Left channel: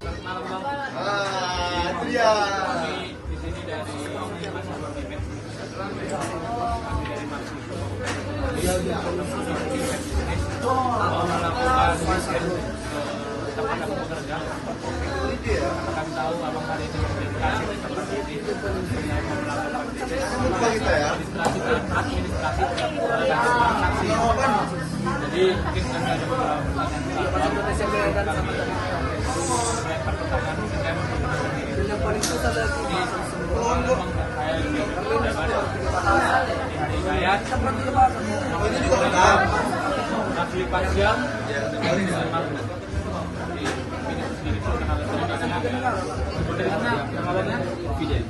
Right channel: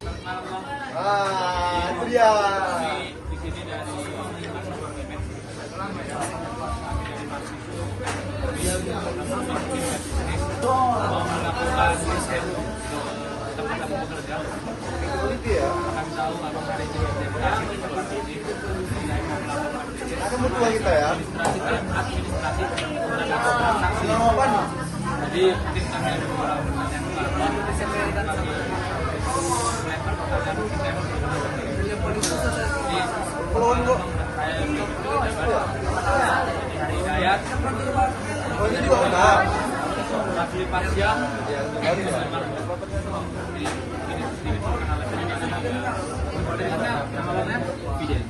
Malam bang. Itu dia. Di sini dari mahasiswa Kemet. Kami dari mahasiswa mau melakukan riset ke tempat kami bekerja. Kami tahu abang ada itu dedikasi di tempat ini. Saya mau melakukan riset administrasi tentang transaksi. Jadi mungkin kami ada beberapa pertanyaan ke abang. Kami melempar pertanyaan mungkin kami saya lebih bebas di hari Hidayat Raffi Pasya dari sedikit perkenalan dari nama Fidel.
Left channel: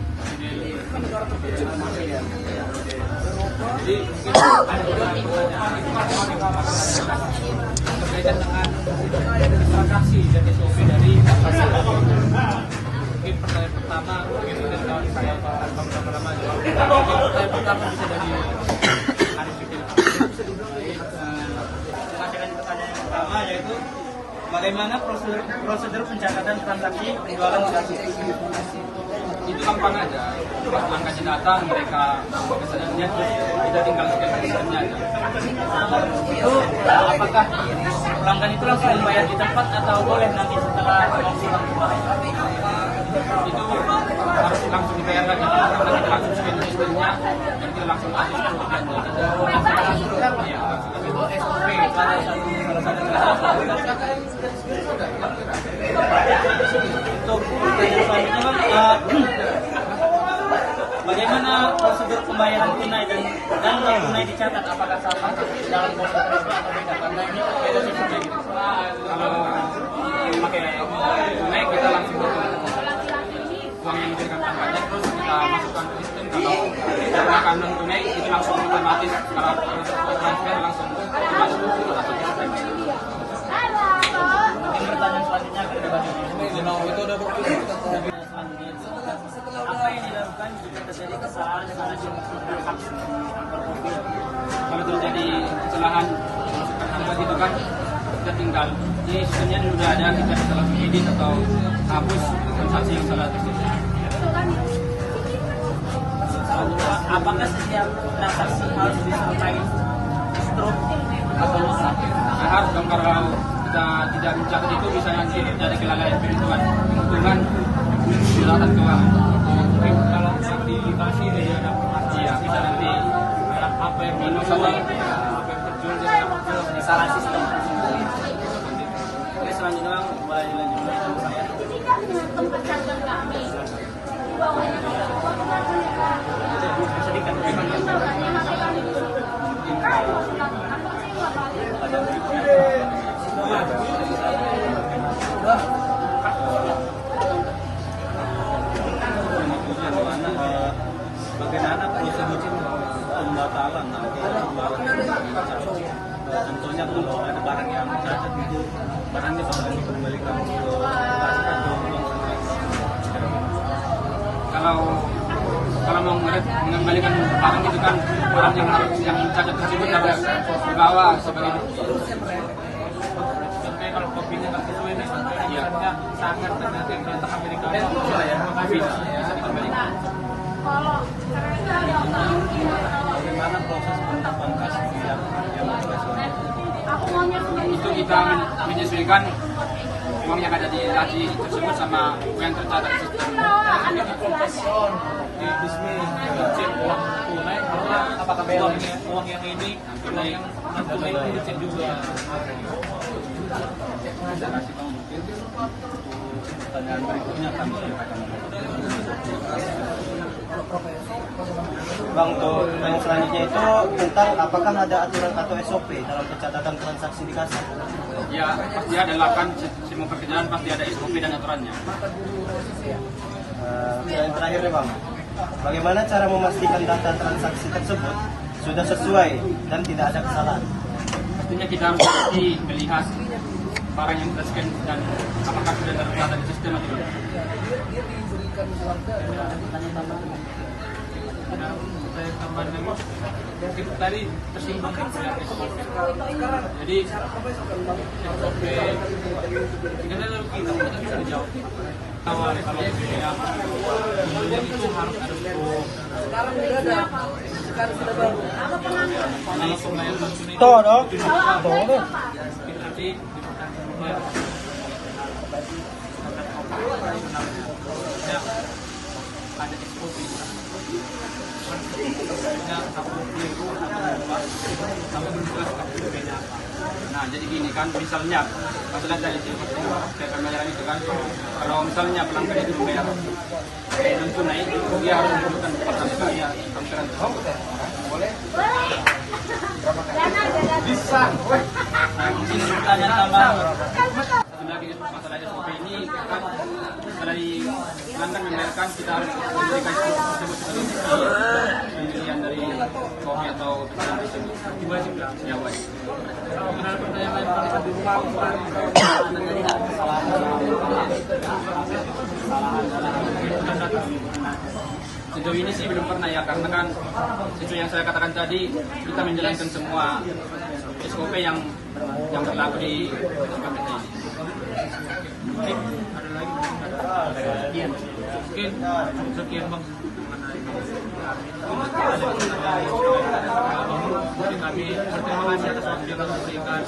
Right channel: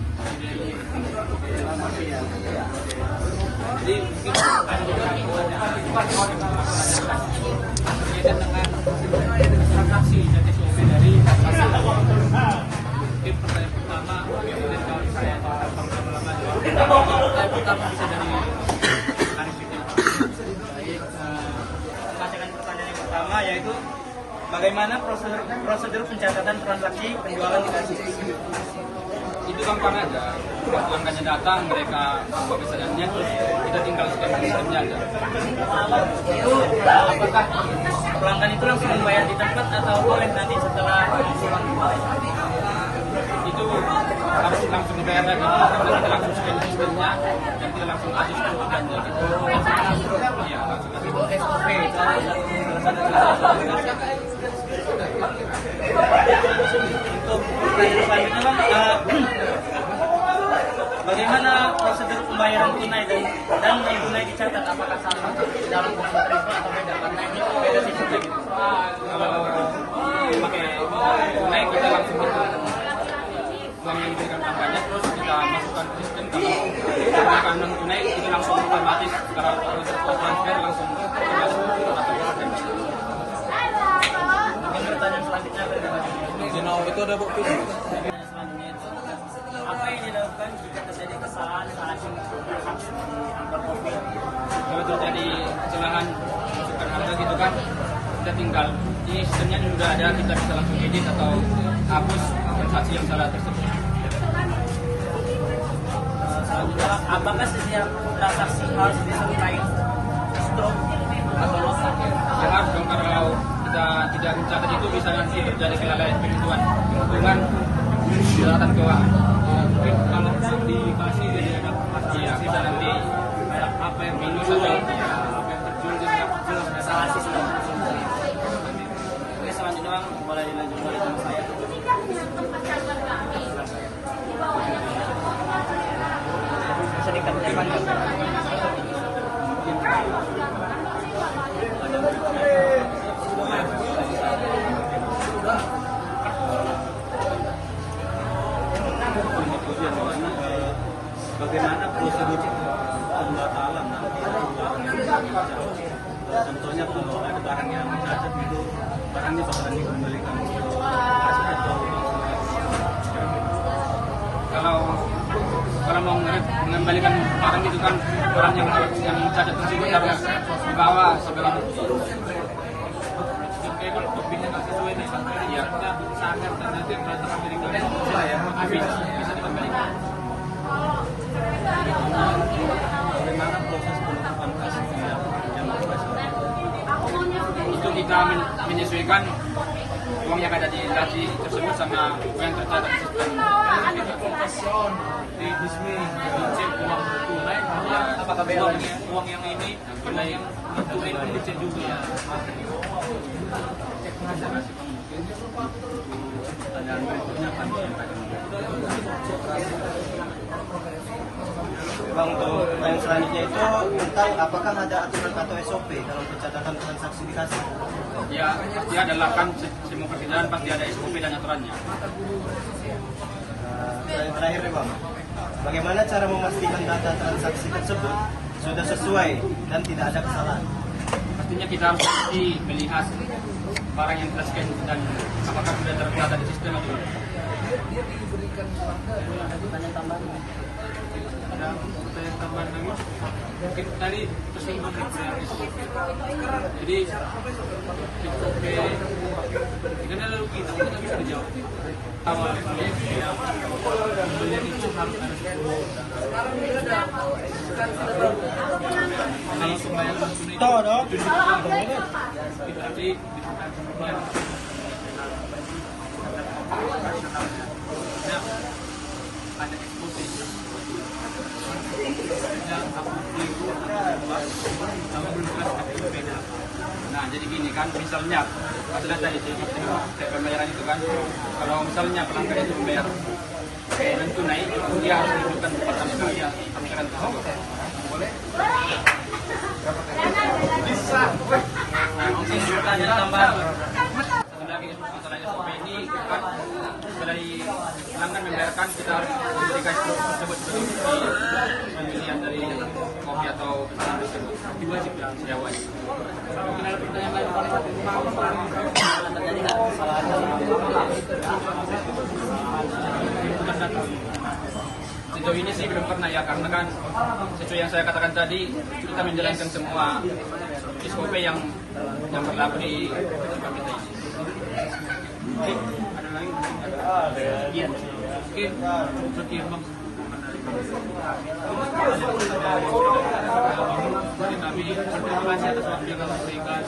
Jadi mungkin ada beberapa pertanyaan berkaitan dengan transaksi dan SOP dari transaksi. Mungkin pertanyaan pertama mungkin kawan saya itu tanpa berlama-lama jawab. Pertanyaan pertama bisa dari Arif Fitil. Silakan pertanyaan yang pertama yaitu bagaimana prosedur pencatatan transaksi penjualan gratis itu gampang aja. Pelanggannya datang, mereka membawa pesanannya, kita tinggal scan sistemnya. Itu apakah pelanggan itu langsung membayar di tempat atau boleh nanti setelah pulang itu harus langsung dibayar lagi, kita langsung scan sistemnya dan kita langsung kasih dan itu SOP salah satu untuk pertanyaan selanjutnya bang, bagaimana prosedur pembayaran tunai dan non tunai dicatat apakah sama dalam proses itu atau beda? Karena ini beda tipenya gitu. Kalau pakai tunai kita langsung hitung uang yang diberikan tangganya, terus kita masukkan ke sistem. Kalau kita gunakan non tunai itu langsung otomatis kalau proses transfer langsung masuk atau mungkin pertanyaan selanjutnya akan dibahas. Itu ada bukti. Apa yang dilakukan jika terjadi kesalahan transaksi di kantor kopi? Kalau terjadi kesalahan masukkan harga gitu kan, kita tinggal di sistemnya sudah ada, kita bisa langsung edit atau hapus transaksi yang salah tersebut. Selanjutnya, apakah setiap transaksi harus disertai stroke atau loss? Ya harus dong, kalau kita tidak mencatat itu bisa nanti terjadi kelalaian penghitungan hitungan silakan ke kalau dikasih dari ada ya bisa nanti kayak apa yang minus atau apa yang terjual jadi terjual salah sistem. Oke, selanjutnya bang boleh dilanjutkan dengan saya. Sedikit bagaimana? Bagaimana prosedur pembatalan tentunya kalau ada barang yang itu barangnya sama dikembalikan kalau mau mengembalikan barang itu kan barang yang cacat tersebut harus dibawa sebagai bukti. Sampai kalau kopinya tak sesuai nih, ya sangat ternyata berantakan Amerika habis bisa dikembalikan. bagaimana proses penetapan kasih Itu kita menyesuaikan uang yang ada di transaksi tersebut sama uang yang tercatat di sistem. Dicek uang tunai sama apakah uang yang ini yang non tunai pun dicek juga. Bang, untuk yang selanjutnya itu tentang apakah ada aturan atau SOP dalam pencatatan transaksi di kasir? Ya, pasti ada lakukan semua perjalanan pasti ada SOP dan aturannya. Yang terakhir ya bang, bagaimana cara memastikan data transaksi tersebut sudah sesuai dan tidak ada kesalahan? Artinya kita mesti melihat barang yang terscan dan apakah sudah tercatat di sistem atau tidak. Ada saya tambahan lagi. Tadi tersinggung dengan SOP. Jadi SOP karena kita tidak bisa dijawab. Awal kalau yang kemudian itu harus ada hukum. Kalau pembayaran tunai itu juga kita nanti dibutuhkan pembayaran operasionalnya. Ada SOP. Aku keliru kamu jelas beda. Nah jadi gini kan misalnya setelah dari saya pembayaran itu kan kalau misalnya pelanggan itu membayar dan tunai dia harus menunjukkan bukti tampilan bisa. Nah mungkin pertanyaan tambahan sebenarnya masalah SOP ini dari pelanggan membayarkan kita harus memberikan tersebut sebagai bukti pembelian dari kopi atau pesanan tersebut wajib lah jawab. Mungkin ada pertanyaan lain tentang di rumah terjadi nggak kesalahan dalam data? Sejauh ini sih belum pernah ya karena kan sesuai yang saya katakan tadi kita menjalankan semua SOP yang berlaku di KPT. Mungkin ada lagi mungkin sekian bang. Terima kasih atas waktu yang kami berikan.